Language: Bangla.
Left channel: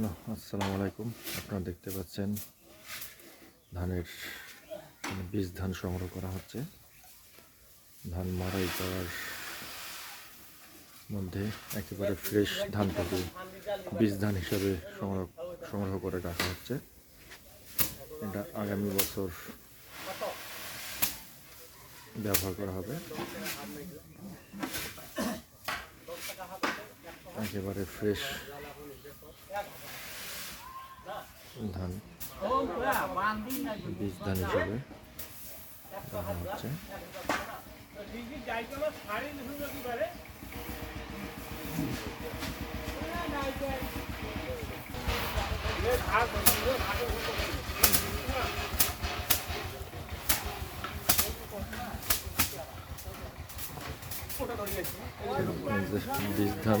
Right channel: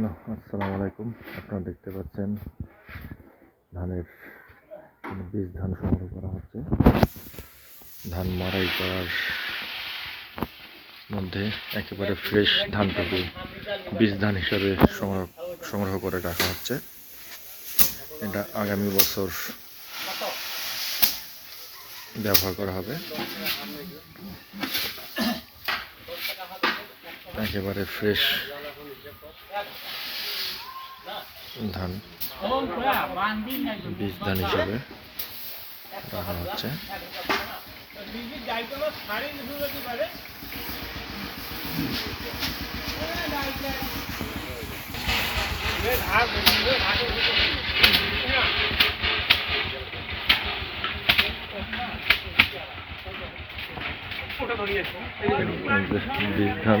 হ্যালো, আসসালামু আলাইকুম। আপনারা দেখতে পাচ্ছেন ধানের মানে বীজ ধান সংগ্রহ করা হচ্ছে। ধান মারাই করার মধ্যে একেবারে ফ্রেশ ধানটুকু বীজ ধান হিসাবে সংগ্রহ সংগ্রহ করে রাখা হচ্ছে। এটা আগামী বছর ব্যবহার করা হবে। একেবারে ফ্রেশ ধান। বীজ ধান হিসাবে রাখা হচ্ছে। বীজ ধান।